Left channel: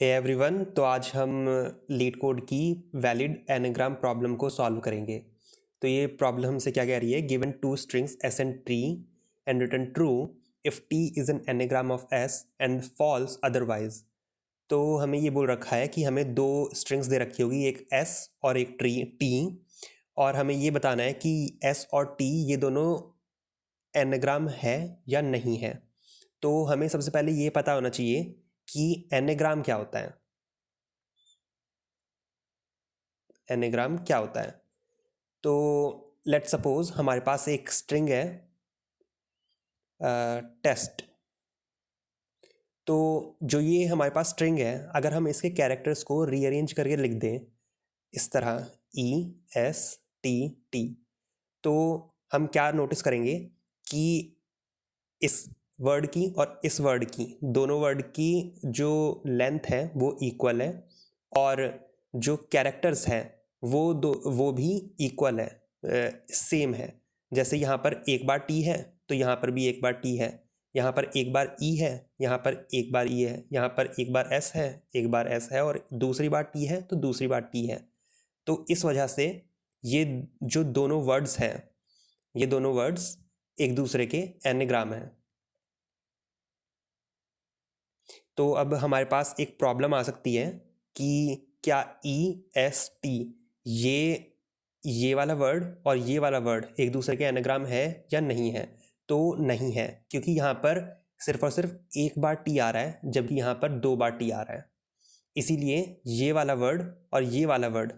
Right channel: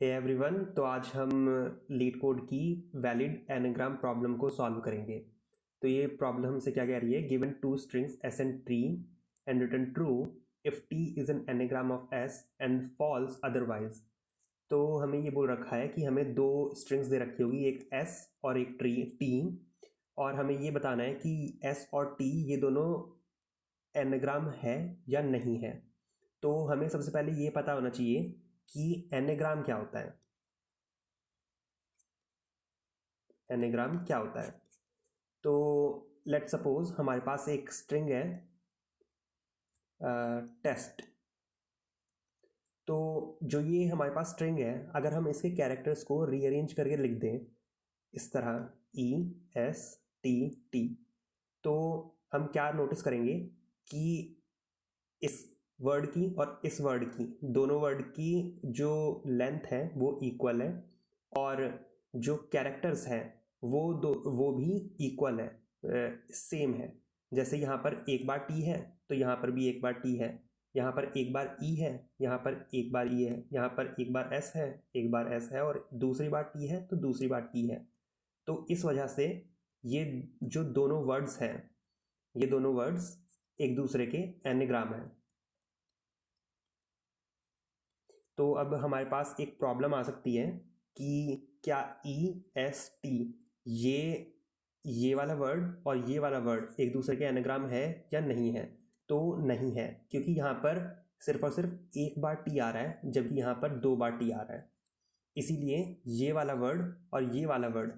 Hey everyone, तो आज हम लीड कोड की वैलिड एनाग्राम प्रॉब्लम को सॉल्व करेंगे। तो ये प्रॉब्लम हमसे क्या कह रही है, given two strings S and T and return true if T is an anagram of S and false otherwise. तो हमें ये बोल रखा है कि हमें दो स्ट्रिंग्स दे रखी होगी, एक एस और एक टी, और हमें ये बताना है कि एस और टी ये दोनों एनाग्राम है या नहीं है। तो हमें सबसे पहले ये पता होना चाहिए कि एनाग्राम क्या होता है। एनाग्राम क्या होता है? तो लेट सपोज हमारे पास एक स्ट्रिंग है टेस्ट। तो जो ये हमारे पास स्ट्रिंग है, अगर हम इसके कैरेक्टर्स को रीअरेंज करके लिख दें इस तरह ई एस टी टी, तो हम क्या नोटिस करेंगे कि इस वर्ड की और इस वर्ड की, दोनों वर्ड की जो लेंथ है वो इक्वल है, और जो कैरेक्टर्स हैं वो भी इक्वल है, सेम है। जैसे यहाँ पर एक बार टी है तो यहाँ पर भी एक बार टी है, यहाँ पर एक बार ई है, यहाँ पर एक बार ई है, यहाँ पर एक बार एस है, एक बार एस है, और दूसरी बार टी है तो दूसरी बार टी है। तो इस वजह से ये जो दोनों वर्ड्स हैं, ये दोनों वर्ड्स एक दूसरे के एनाग्राम हैं। तो अब हमारे पास एक प्रॉब्लम आ सकती है कि क्या ई एस टी ये वाला वर्ड और ये वाला वर्ड एक दूसरे के एनाग्राम है या नहीं है। तो नहीं है, क्योंकि यहाँ पर सिर्फ और सिर्फ एक बार टी आ रहा है, जबकि यहाँ पर दो बार टी आ रहा है। इसीलिए ये वाला वर्ड और ये वाला वर्ड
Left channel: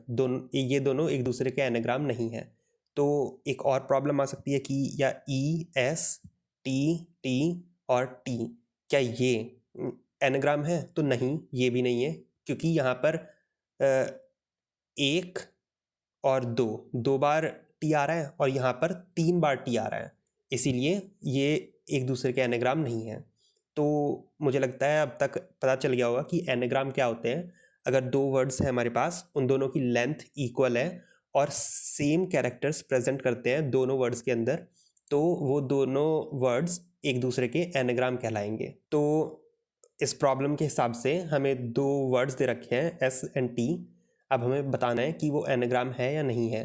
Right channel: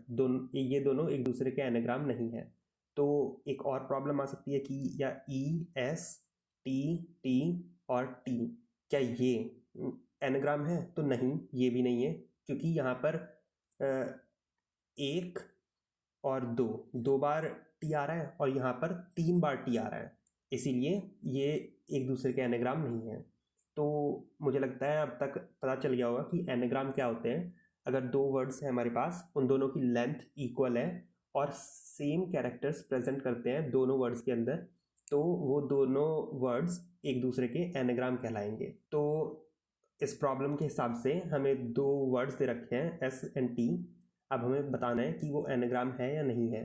ये दोनों एक दूसरे के एनाग्राम नहीं है। तो एक और प्रॉब्लम आ सकती है कि या ई एस टी टी और टी क्या ये एनाग्राम है? तो नहीं, ये भी नहीं है, क्योंकि यहाँ पर एक और दो बार टी आ रहा है और यहाँ पर तीन बार टी आ रहा है, इसीलिए ये एक दूसरे के एनाग्राम नहीं है। तो मुझे लगता है अब तक पता चल गया होगा कि एनाग्राम क्या होते हैं। अगर दो वर्ड्स हैं हमारे पास, उन दोनों की लेंथ इक्वल है और सेम कैरेक्टर्स प्रेजेंट करते हैं दोनों वर्ड्स के अंदर, तो वो दोनों वर्ड्स एक दूसरे के एनाग्राम कहलाएंगे। तो इस प्रॉब्लम के हिसाब से हमें दो वर्ड्स दे रखे हैं एस एंड टी। अब हमें बताना है कि वो एनाग्राम है या नहीं है।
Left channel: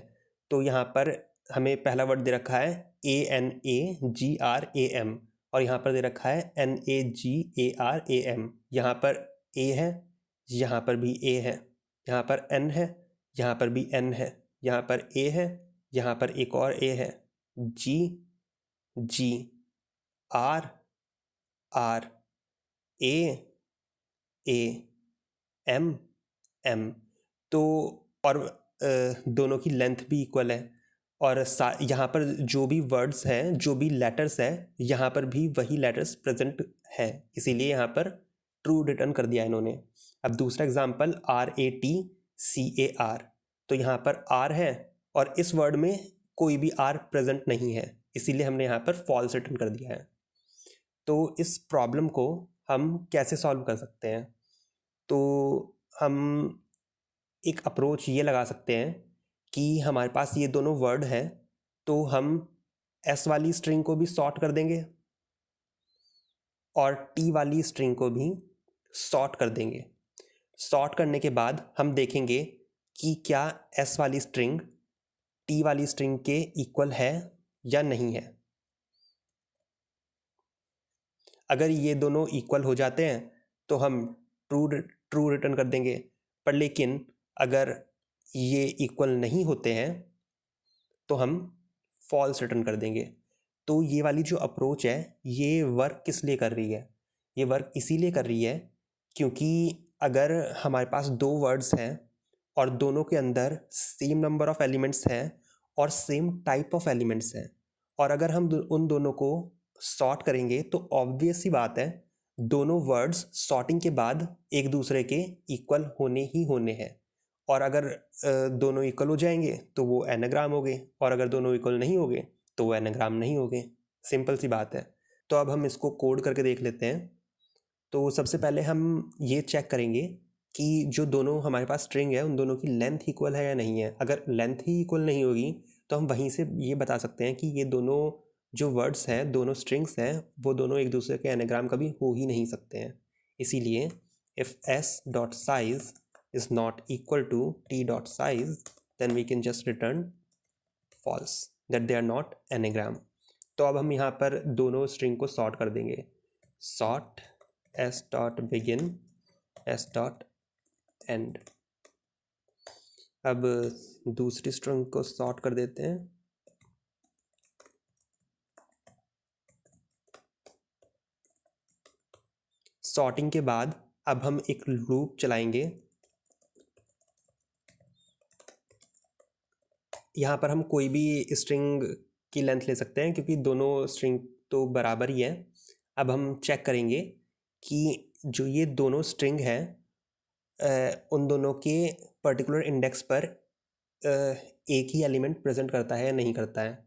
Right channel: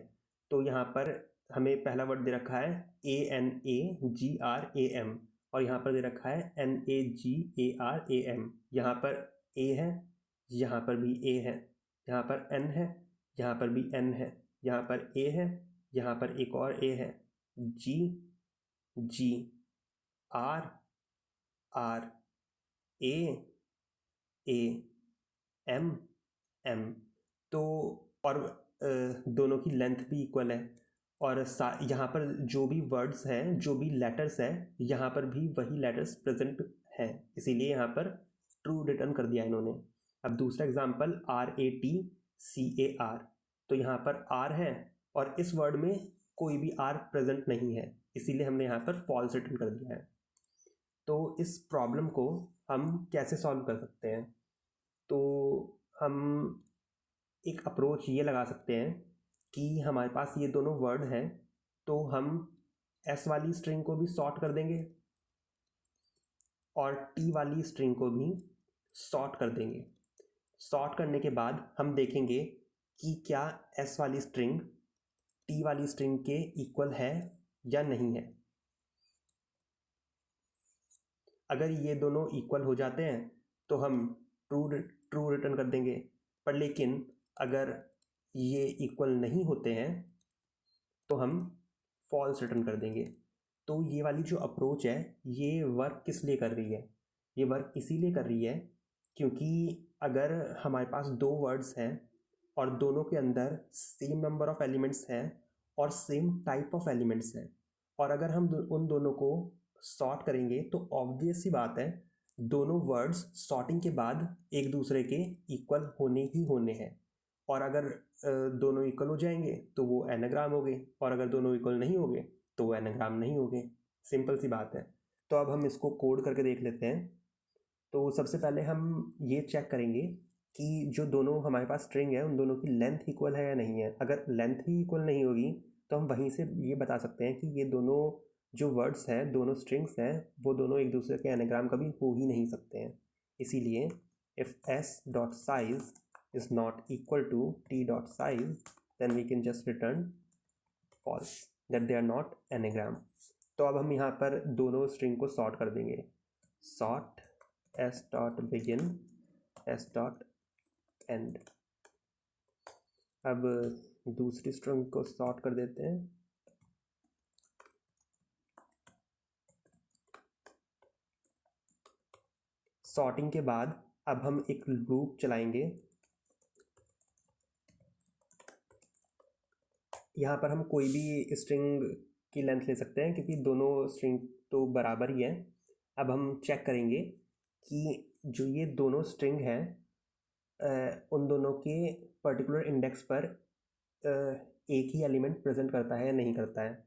तो यहाँ पर हमें पहला वर्ड दे रखा है ANAGRAM, और यहाँ पर दे रखा है NAGARAM। यहाँ पर ए है, यहाँ पर भी ए है, यहाँ पर एन है, यहाँ पर भी एन है, यहाँ पर ए है, यहाँ पर एक और ए है, G G, R R, A A, M M. तो और दोनों की लेंथ भी इक्वल है, और यहाँ पर जो भी वर्ड्स हैं, जो भी लेटर्स हैं, यहाँ पर भी वही लेटर्स प्रेजेंट हैं, इसीलिए यहाँ पर ट्रू रिटर्न कर दिया इन्होंने। अब दूसरा एग्जांपल RATCAR, तो यहाँ पर आर है और इस वर्ड में कोई भी आर प्रेजेंट नहीं है, इसीलिए हमने यहाँ पर फॉल्स रिटर्न कर दिया है। तो इस प्रॉब्लम को हम कैसे सॉल्व कर सकते हैं? तो हम एक अप्रोच ये लगा सकते हैं कि हमारे पास ये दोनों वर्ड हैं, तो हम एस वाली स्ट्रिंग को भी सॉर्ट कर देंगे और टी वाली स्ट्रिंग को भी सॉर्ट कर देंगे। सॉर्ट करने के बाद हम देखेंगे कि क्या एस वाली स्ट्रिंग टी वाली स्ट्रिंग के इक्वल है या नहीं है। अगर ये दोनों इक्वल हो जाते हैं तो हम ट्रू रिटर्न कर देंगे, पर लेकिन अगर ये इक्वल नहीं होते हैं तो हम फॉल्स रिटर्न कर देंगे। तो ये वाली जो अप्रोच है ये वर्क किस लिए कर रही है? ये वर्क इसीलिए कर रही है क्योंकि अगर हमारे पास दो वर्ड्स हैं और दोनों के अंदर सेम नंबर ऑफ एलिमेंट्स हैं और सेम टाइप ऑफ एलिमेंट्स हैं, और अगर हम उन दोनों को सॉर्ट करेंगे तो ऑब्वियस सी बात है दोनों वर्ड्स सॉर्टिंग के बाद एक दूसरे के इक्वल होने ही होने हैं। और अगर दोनों इक्वल हो जाएंगे तो वो एनाग्राम हो गए, और अगर दोनों इक्वल नहीं हो गए तो वो एनाग्राम नहीं हो गए। सिंपल सी बात है। तो अब हम इसको कोड करके देख लेते हैं। तो सबसे पहले हम ये चेक करेंगे कि जो दोनों हमारे पास स्ट्रिंग है उन दोनों की लेंथ इक्वल है या नहीं है। अगर लेंथ ही इक्वल नहीं होगी तो हम वहीं से ये बता सकते हैं कि ये दोनों जो वर्ड्स हैं, दोनों स्ट्रिंग्स हैं, वो दोनों एक दूसरे के एनाग्राम कभी हो ही नहीं सकते हैं। इसीलिए if s dot size is not equal to t dot size, then we can just return false, that they are not anagram. तो अब हम यहाँ पर दोनों स्ट्रिंग को सॉर्ट कर देंगे, sort s dot begin s dot and. अब दूसरी स्ट्रिंग को सॉर्ट कर देते हैं, सॉर्टिंग के बाद अब हम एक लूप चलाएंगे। यहाँ पर हम कोई भी स्ट्रिंग की लेंथ ले सकते हैं क्योंकि दोनों स्ट्रिंग तो बराबर ही है। अब हम चेक करेंगे कि जो ये दोनों स्ट्रिंग है उन दोनों के पर्टिकुलर इंडेक्स पर एक ही एलिमेंट प्रेजेंट करता है या नहीं करता है।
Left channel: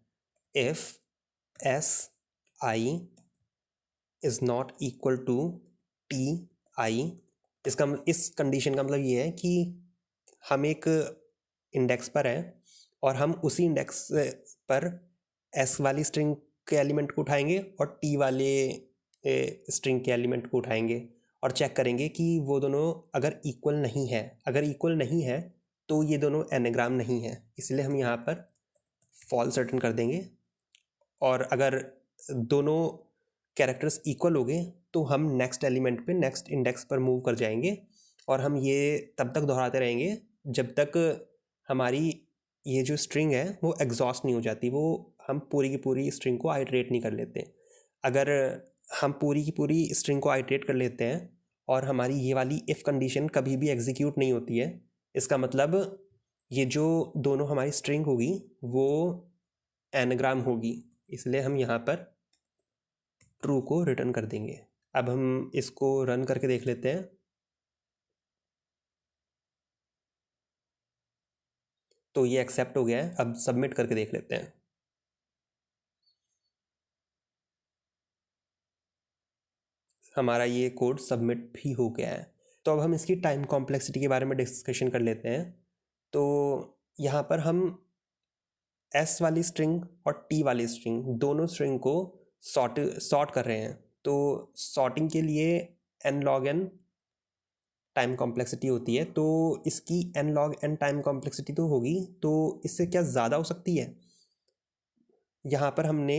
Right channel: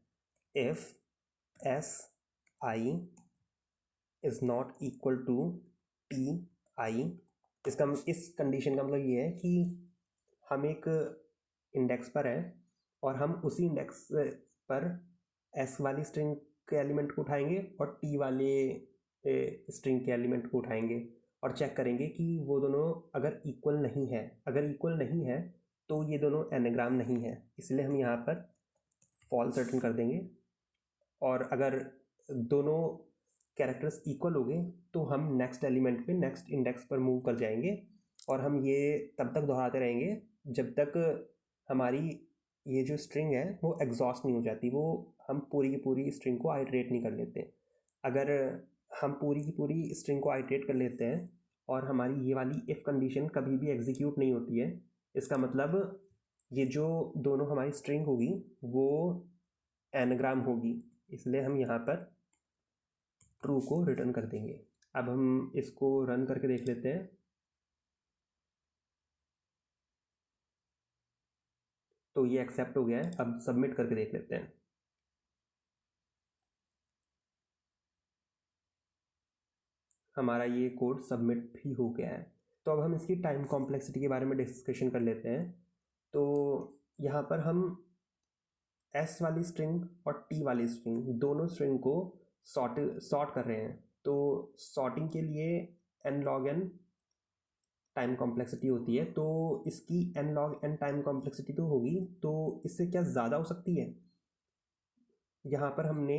If S I is not equal to T I, इस कंडीशन का मतलब ये है कि हम एक इंडेक्स पर हैं और हम उसी इंडेक्स पर एस वाली स्ट्रिंग के एलिमेंट को उठाएंगे और टी वाले स्ट्रिंग के एलिमेंट को उठाएंगे और चेक करेंगे कि वो दोनों अगर इक्वल नहीं है। अगर इक्वल नहीं है तो ये दोनों एनाग्राम नहीं है, इसलिए हम यहाँ पर फॉल्स रिटर्न कर देंगे। और अगर दोनों कैरेक्टर्स इक्वल हो गए तो हम नेक्स्ट एलिमेंट पे नेक्स्ट इंडेक्स पर मूव कर जाएंगे और हम ये तब तक दोहराते रहेंगे जब तक हमारी ये जो स्ट्रिंग है वो एग्जॉस्ट नहीं हो जाती, वो हम पूरी की पूरी स्ट्रिंग को आइटरेट नहीं कर लेते। अगर हम पूरी की पूरी स्ट्रिंग को आइटरेट कर लेते हैं और हमारी ये वाली इफ़ कंडीशन कभी भी एग्जीक्यूट नहीं होती है, इसका मतलब ये जो दोनों हमारी स्ट्रिंग होगी वो एनाग्राम होगी, इसलिए हम यहाँ पर ट्रू को रिटर्न कर देंगे। अब हम इसको रन करके देख लेते हैं। तो ये एक्सेप्ट हो गया है। अब सबमिट करके देख लेते हैं। हमारा ये कोड सबमिट भी हो गया है। तो अब हम इसकी टाइम कॉम्प्लेक्सिटी के बारे में डिस्कशन कर लेते हैं। तो यहाँ पर हम एस वाली स्ट्रिंग और टी वाली स्ट्रिंग दोनों स्ट्रिंग को सॉर्ट कर रहे हैं। तो सॉर्टिंग के लिए n log n time complexity होती है, तो इसकी n log n time complexity तो होगी, तो इससे क्या ज़्यादा हो सकती है। यहाँ पर हमने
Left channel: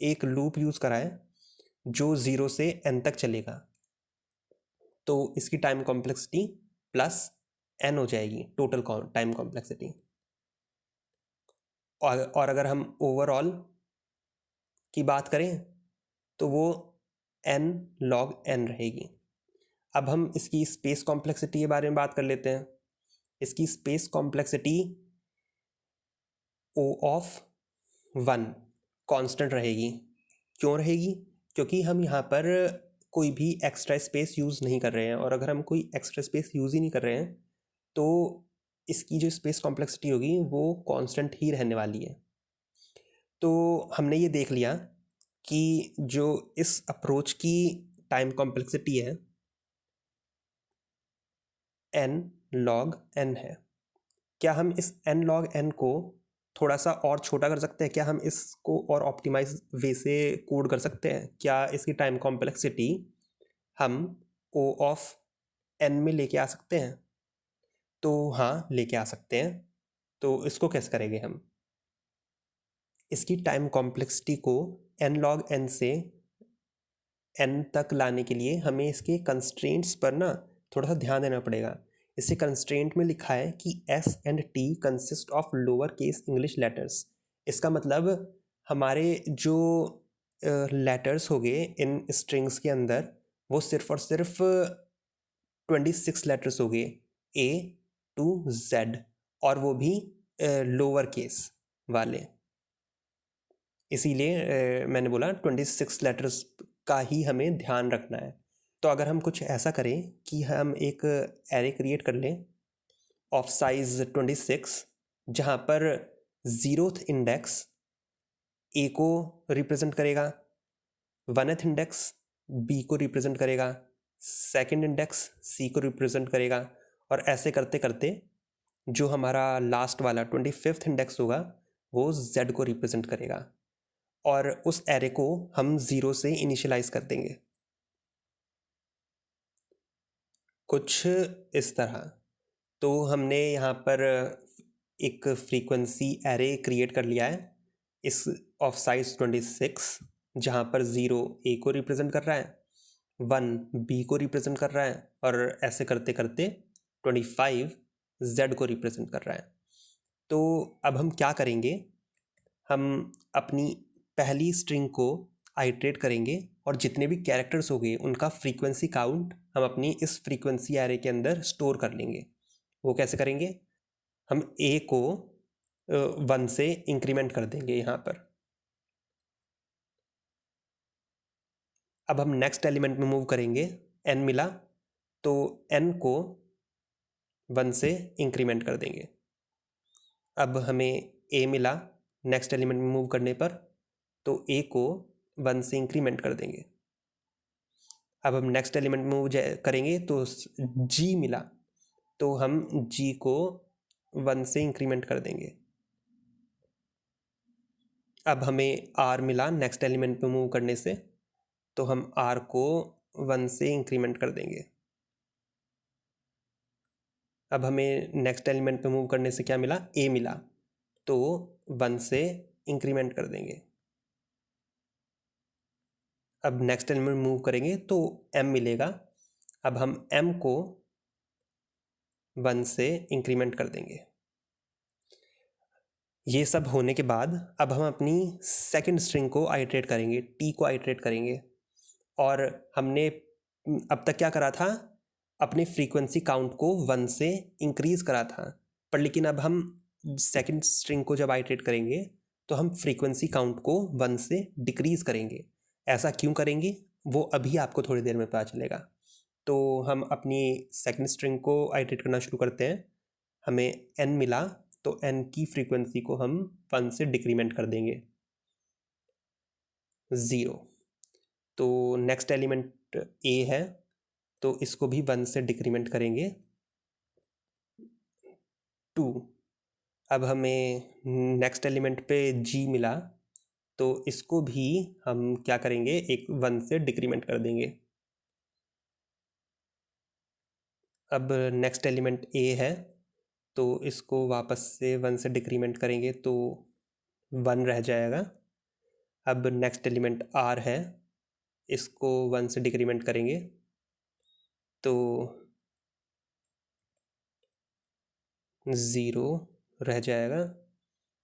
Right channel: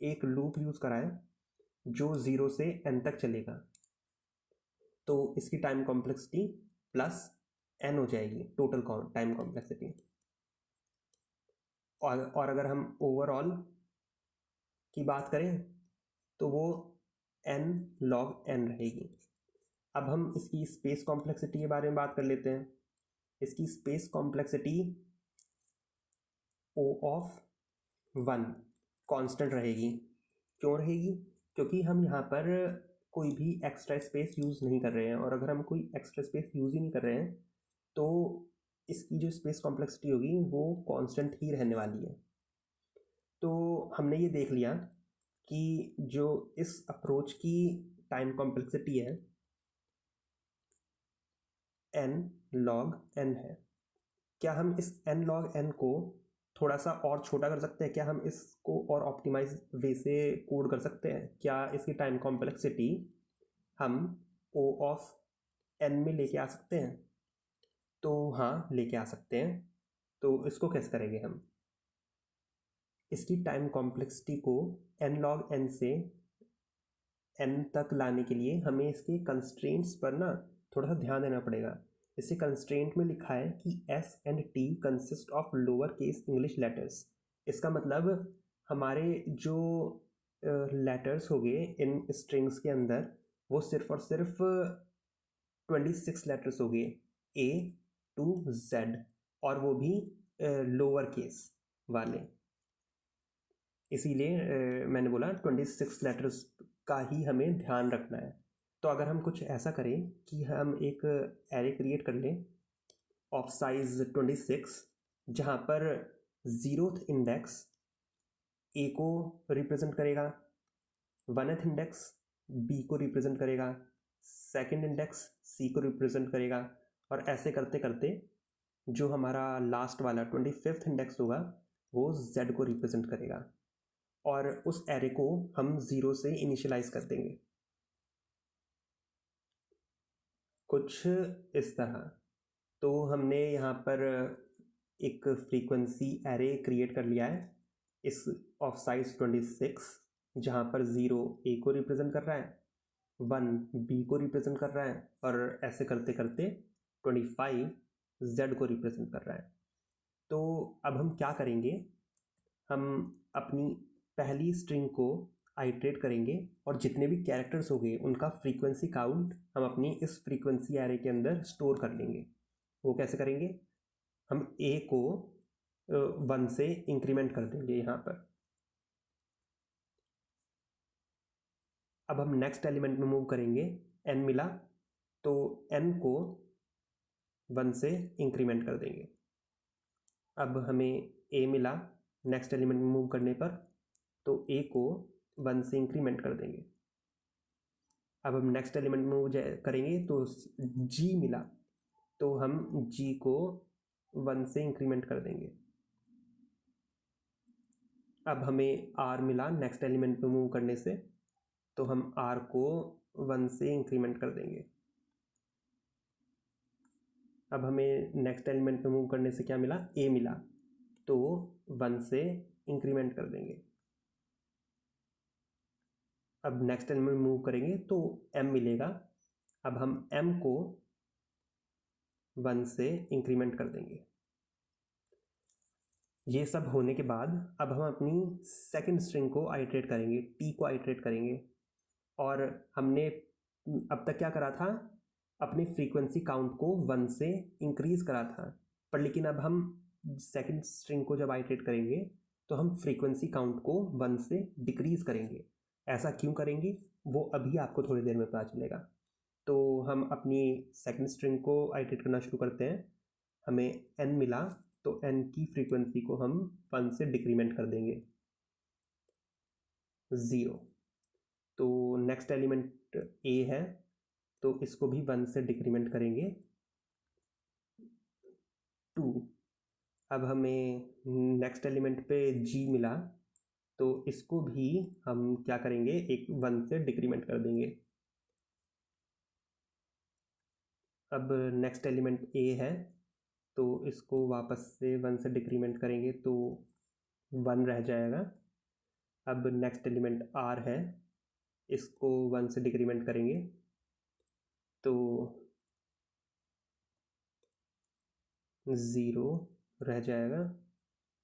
एक लूप यूज़ करा है जो 0 से n तक चलेगा, तो इसकी टाइम कॉम्प्लेक्सिटी प्लस n हो जाएगी टोटल टाइम कॉम्प्लेक्सिटी। और अगर हम ओवरऑल की बात करें तो वो n log n रहेगी। अब हम इसकी स्पेस कॉम्प्लेक्सिटी के बारे में बात कर लेते हैं। इसकी space complexity O of 1 constant रहेगी। क्यों रहेगी? क्योंकि हम यहाँ पर कोई भी एक्स्ट्रा स्पेस यूज़ नहीं कर रहे हैं, और अगर हम कोई एक्स्ट्रा स्पेस यूज़ ही नहीं कर रहे हैं तो इसकी जो स्पेस कॉम्प्लेक्सिटी होगी वो कांस्टेंट ही रहने वाली है। तो हमने ये देख लिया कि जो इस अप्रोच की टाइम कॉम्प्लेक्सिटी है n log n है। क्या हम इस n log n को थोड़ा सा और छोटा कर सकते हैं? क्या हम इसको और ऑप्टिमाइज वे से कोड कर सकते हैं? क्या इसकी टाइम कॉम्प्लेक्सिटी हम O ऑफ n में लेके आ सकते हैं? तो हाँ, लेके आ सकते हैं। तो इसको कैसे करेंगे हम? इसकी टाइम कॉम्प्लेक्सिटी को n log n से n तक लाने के लिए हमें इसके कंस्ट्रेंट्स पर ना थोड़ा सा ध्यान देना पड़ेगा। इसे कंस्ट्रेंट में लिखा है कि S and T consist of lower case English letters. इसका मतलब हमारे जो लेटर्स हो गए इन स्ट्रिंग्स के अंदर वो सिर्फ और सिर्फ 26 लेटर्स हो गए A to Z, और वो भी लोअर केस वाले। इसीलिए मैंने बोला 26 लेटर्स का ही हमें ध्यान रखना है। तो अगर हम कुछ ऐसा करें कि हम एक एरे क्रिएट कर लें ऑफ साइज 26, जहाँ पर 0th इंडेक्स ए को रिप्रेजेंट करेगा, 1th इंडेक्स बी को रिप्रेजेंट करेगा, 2nd इंडेक्स सी को रिप्रेजेंट करेगा, और ऐसे करते करते जो हमारा लास्ट वाला 25th इंडेक्स होगा वो Z को रिप्रेजेंट करेगा, और उस एरे को हम 0 से इनिशियलाइज कर देंगे। कुछ इस तरह। तो हमने यहाँ पर एक फ्रीक्वेंसी एरे क्रिएट कर लिया है इस ऑफ साइज 26, जहाँ पर 0 ए को रिप्रेजेंट कर रहा है, 1 बी को रिप्रेजेंट कर रहा है, और ऐसे करते करते 25 जेड को रिप्रेजेंट कर रहा है। तो अब हम क्या करेंगे, हम अपनी पहली स्ट्रिंग को आइट्रेट करेंगे और जितने भी कैरेक्टर्स हो गए उनका फ्रीक्वेंसी काउंट हम अपनी इस फ्रीक्वेंसी एरे के अंदर स्टोर कर लेंगे। वो कैसे करेंगे, हम ए को 1 से इंक्रीमेंट कर देंगे यहाँ पर। अब हम नेक्स्ट एलिमेंट में मूव करेंगे, n मिला तो n को 1 से इंक्रीमेंट कर देंगे। अब हमें a मिला नेक्स्ट एलिमेंट में मूव करने पर, तो a को 1 से इंक्रीमेंट कर देंगे। अब हम नेक्स्ट एलिमेंट में मूव करेंगे तो g मिला, तो हम g को 1 से इंक्रीमेंट कर देंगे। अब हमें r मिला नेक्स्ट एलिमेंट पे मूव करने से, तो हम r को 1 से इंक्रीमेंट कर देंगे। अब हमें नेक्स्ट एलिमेंट पे मूव करने से क्या मिला, a मिला, तो 1 से इंक्रीमेंट कर देंगे। अब नेक्स्ट एलिमेंट मूव करेंगे तो m मिलेगा, अब हम m को 1 से इंक्रीमेंट कर देंगे। ये सब होने के बाद अब हम अपनी सेकंड स्ट्रिंग को आइट्रेट करेंगे, t को आइट्रेट करेंगे। और हमने अब तक क्या करा था, अपने फ्रीक्वेंसी काउंट को 1 से इंक्रीज करा था, पर लेकिन अब हम सेकंड स्ट्रिंग को जब आइट्रेट करेंगे तो हम फ्रीक्वेंसी काउंट को 1 से डिक्रीज करेंगे। ऐसा क्यों करेंगे वो अभी आपको थोड़ी देर में पता चलेगा। तो हम अपनी सेकंड स्ट्रिंग को आइट्रेट करना शुरू करते हैं। हमें n मिला, तो n की फ्रीक्वेंसी को हम 1 से डिक्रीमेंट कर देंगे 0। तो नेक्स्ट एलिमेंट a है, तो इसको भी 1 से डिक्रीमेंट करेंगे 2। अब हमें नेक्स्ट एलिमेंट पे g मिला, तो इसको भी हम क्या करेंगे, एक 1 से डिक्रीमेंट कर देंगे। अब नेक्स्ट एलिमेंट a है, तो इसको वापस से 1 से डिक्रीमेंट करेंगे तो 1 रह जाएगा। अब नेक्स्ट एलिमेंट r है, इसको 1 से डिक्रीमेंट करेंगे तो 0 रह जाएगा।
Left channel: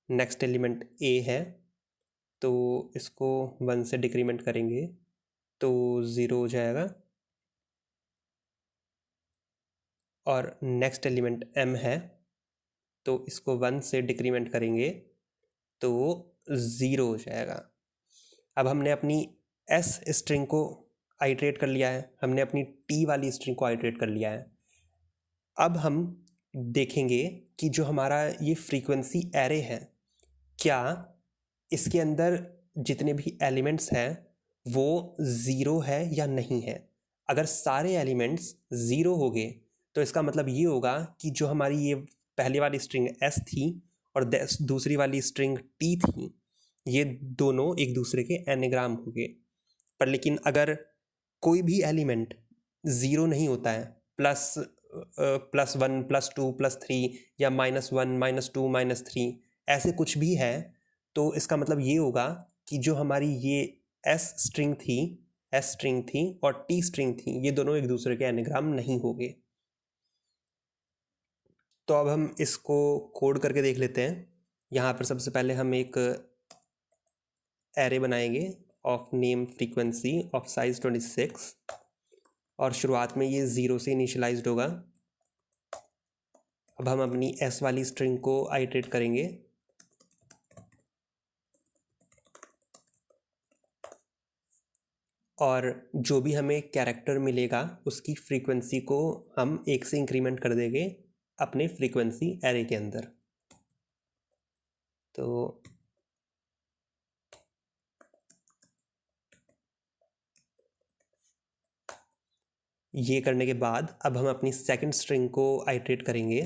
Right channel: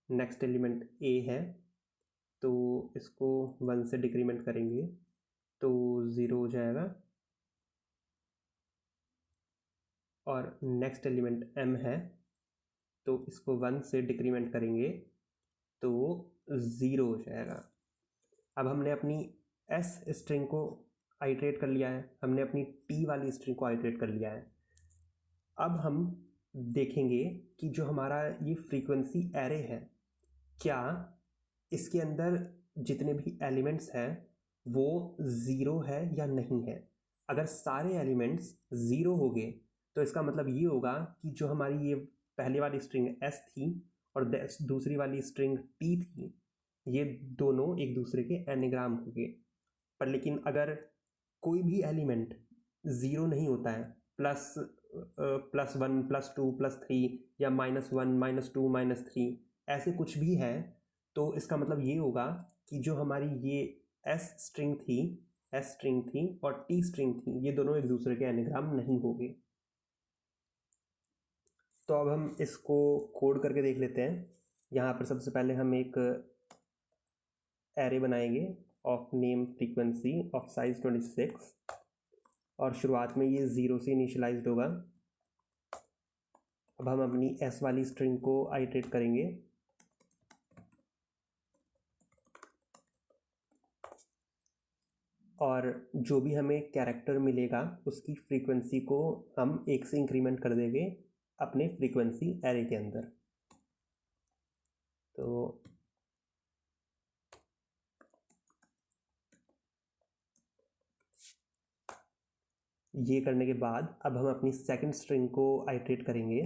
नेक्स्ट एलिमेंट a है, तो इसको 1 से डिक्रीमेंट करेंगे तो 0 हो जाएगा। और नेक्स्ट एलिमेंट m है, तो इसको 1 से डिक्रीमेंट करेंगे तो 0 हो जाएगा। अब हमने अपनी s स्ट्रिंग को आइट्रेट कर लिया है, हमने अपनी t वाली स्ट्रिंग को आइट्रेट कर लिया है। अब हम देखेंगे कि जो हमारा ये फ्रीक्वेंसी एरे है, क्या इसके अंदर जितने भी एलिमेंट्स हैं वो 0 है या नहीं है। अगर सारे एलिमेंट्स 0 हो गए तो इसका मतलब ये होगा कि जो हमारी ये पहले वाली स्ट्रिंग s थी और दूसरी वाली स्ट्रिंग t थी, ये दोनों एक दूसरे के एनाग्राम हो गए। पर लेकिन अगर कोई भी एलिमेंट 0 नहीं होता है, +1 +2 +3 या -1 -2 -3 ऐसे कुछ भी है, तो इसका मतलब ये होगा कि जो हमारी ये s स्ट्रिंग थी और t स्ट्रिंग थी, ये दोनों एक दूसरे के एनाग्राम नहीं होंगे। तो अब हम इसको कोड करके देख लेते हैं। यहाँ पर सबसे पहले हम एक एरे बनाएंगे of name frequency of size 26, और शुरुआत में ये 0 से इनिशियलाइज्ड होगा। अब हम अपनी s वाली स्ट्रिंग को आइट्रेट करेंगे और जो भी हमें कैरेक्टर मिलेगा उसकी फ्रीक्वेंसी को हम 1 से इंक्रीमेंट कर देंगे अपने फ्रीक्वेंसी एरे के अंदर। तो ये करने के बाद अब हम अपनी सेकंड स्ट्रिंग को आइट्रेट करेंगे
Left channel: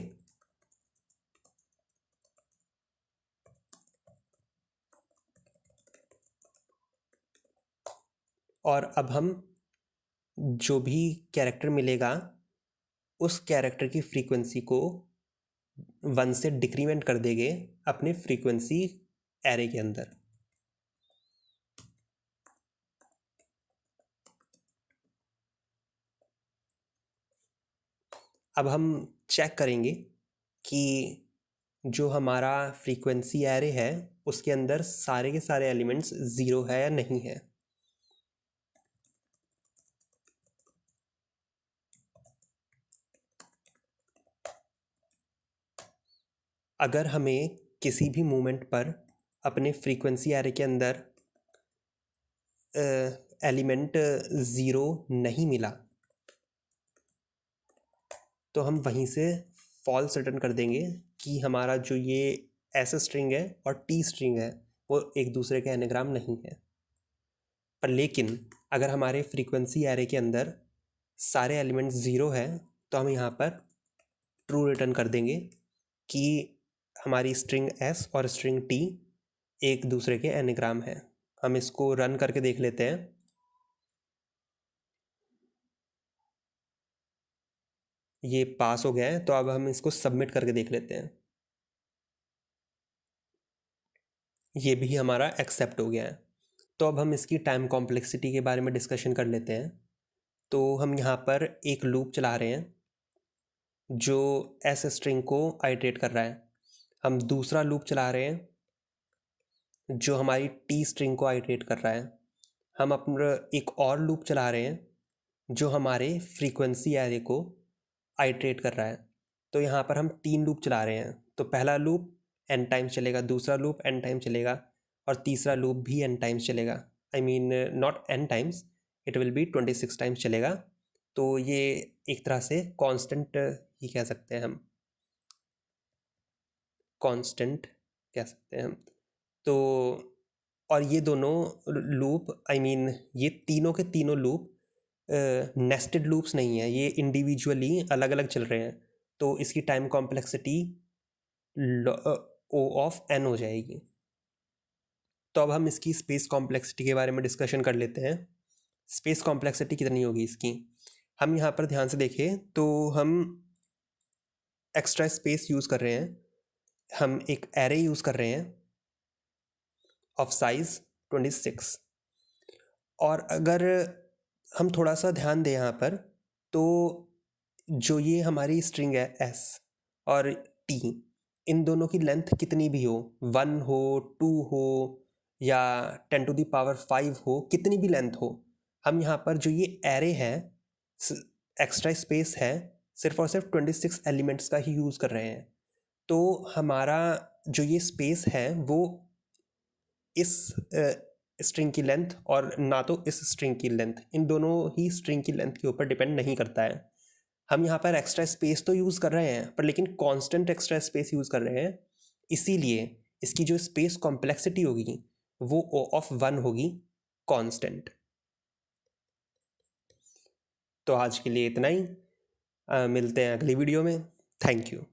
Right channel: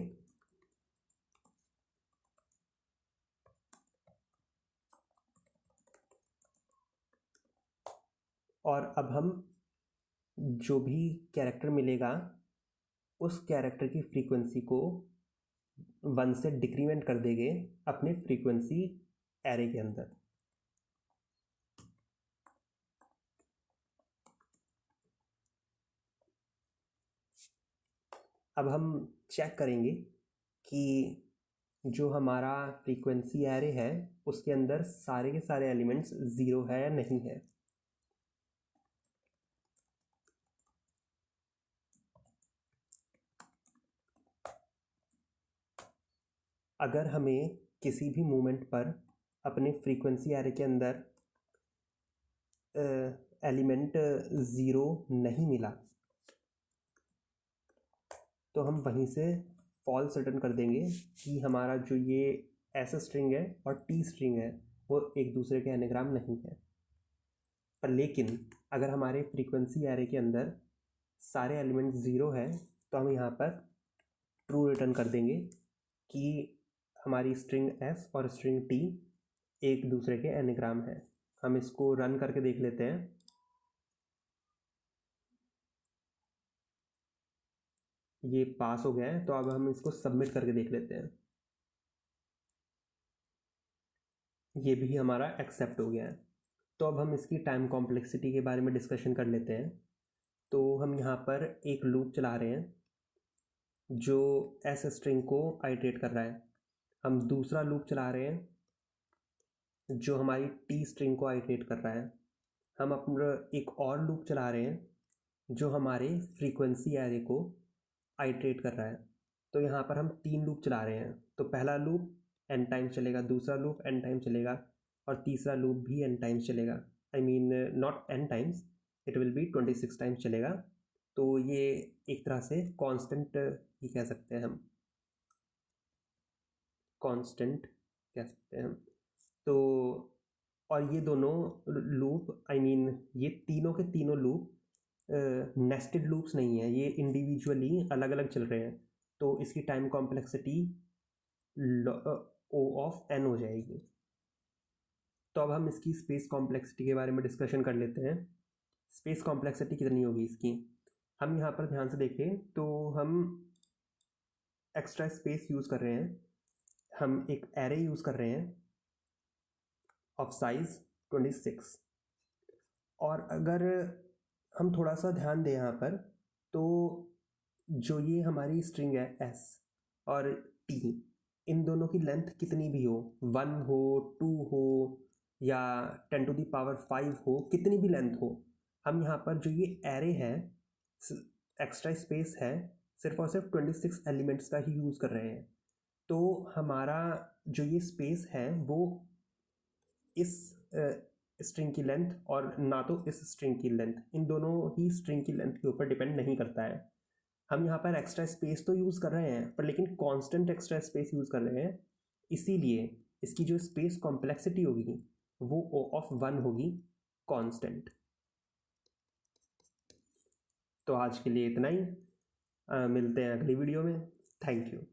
और अब हम जो भी कैरेक्टर मिलेगा उस कैरेक्टर की फ्रीक्वेंसी को 1 से डिक्रीमेंट कर देंगे अपने फ्रीक्वेंसी एरे के अंदर। अब हम चेक करेंगे कि जो हमारा फ्रीक्वेंसी एरे है उसके अंदर सारे के सारे एलिमेंट्स 0 है या नहीं है। अगर हमें किसी भी मोमेंट पर अपने फ्रीक्वेंसी एरे के अंदर एलिमेंट 0 नहीं मिला तो हम वहीं से फॉल्स रिटर्न कर देंगे कि हमारा जो ये एस स्ट्रिंग है और टी स्ट्रिंग है वो एक दूसरे के एनाग्राम नहीं है। पर लेकिन अगर हमारे फ्रीक्वेंसी एरे के अंदर सारे एलिमेंट्स 0 हैं तो हम यहाँ पर ट्रू रिटर्न कर देंगे कि हमारी स्ट्रिंग एस और स्ट्रिंग टी एक दूसरे के एनाग्राम है। हम इसको रन करके देख लेते हैं। ये पास हो गया है, तो अब हम इसको सबमिट करके देख लेते हैं। ये भी हमारा एक्सेप्ट हो गया है। तो अब हम इसकी टाइम कॉम्प्लेक्सिटी के बारे में डिस्कशन कर लेते हैं। तो हम यहाँ पर एक लूप चला रहे हैं जो एस स्ट्रिंग को आइटरेट कर रहा है। हम दूसरा लूप चला रहे हैं जो हमारी टी स्ट्रिंग को आइटरेट कर रहा है। हम अपना एक और लूप चला रहे हैं जो हमारे फ्रीक्वेंसी एरे को आइटरेट कर रहा है। तो यहाँ पर हम 3 लूप चला रहे हैं। तो पहला लूप n टाइम्स चलेगा, दूसरा लूप n टाइम्स चलेगा और तीसरा लूप भी n टाइम्स चलेगा। I mean not n times, it will be 26 times चलेगा। तो ये एक तरह से कांस्टेंट ही कह सकते हैं हम, कांस्टेंट कह सकते हैं हम। तो और ये दोनों लूप आई मीन ये तीनों के तीनों लूप नेस्टेड लूप्स नहीं है, ये इंडिविजुअली अलग अलग चल रहे हैं। तो इसकी time complexity O of n हो जाएगी। तो अब हम इसकी स्पेस कॉम्प्लेक्सिटी के बारे में डिस्कशन कर लेते हैं। स्पेस कॉम्प्लेक्सिटी कितनी होगी इसकी, हम यहाँ पर ध्यान से देखें तो हम एक्स्ट्रा स्पेस यूज़ कर रहे हैं। हम एक एरे यूज़ कर रहे हैं ऑफ साइज 26। और अगर हम थोड़ा सा ध्यान दें यहाँ पर तो जो ये हमारी स्ट्रिंग है एस और टी, इन दोनों की लेंथ कितनी भी हो, 1 हो, 2 हो या 10⁵ हो, कितनी भी लेंथ हो, हम यहाँ पर जो ये एरे है एक्स्ट्रा स्पेस है सिर्फ और सिर्फ 26 एलिमेंट्स का ही यूज़ कर रहे हैं। तो हमारा जो ये स्पेस है वो इस स्ट्रिंग की लेंथ और ना तो इस स्ट्रिंग की लेंथ, इन दोनों ही स्ट्रिंग की लेंथ के ऊपर डिपेंड नहीं करता है। हम यहाँ पर एक्स्ट्रा स्पेस तो यूज़ कर रहे हैं पर लेकिन कांस्टेंट एक्स्ट्रा स्पेस यूज़ कर रहे हैं, इसीलिए इसकी जो स्पेस कॉम्प्लेक्सिटी होगी वो O ऑफ 1 होगी, कांस्टेंट। तो आज के लिए इतना ही, मिलते हैं अगली वीडियो में। Thank you.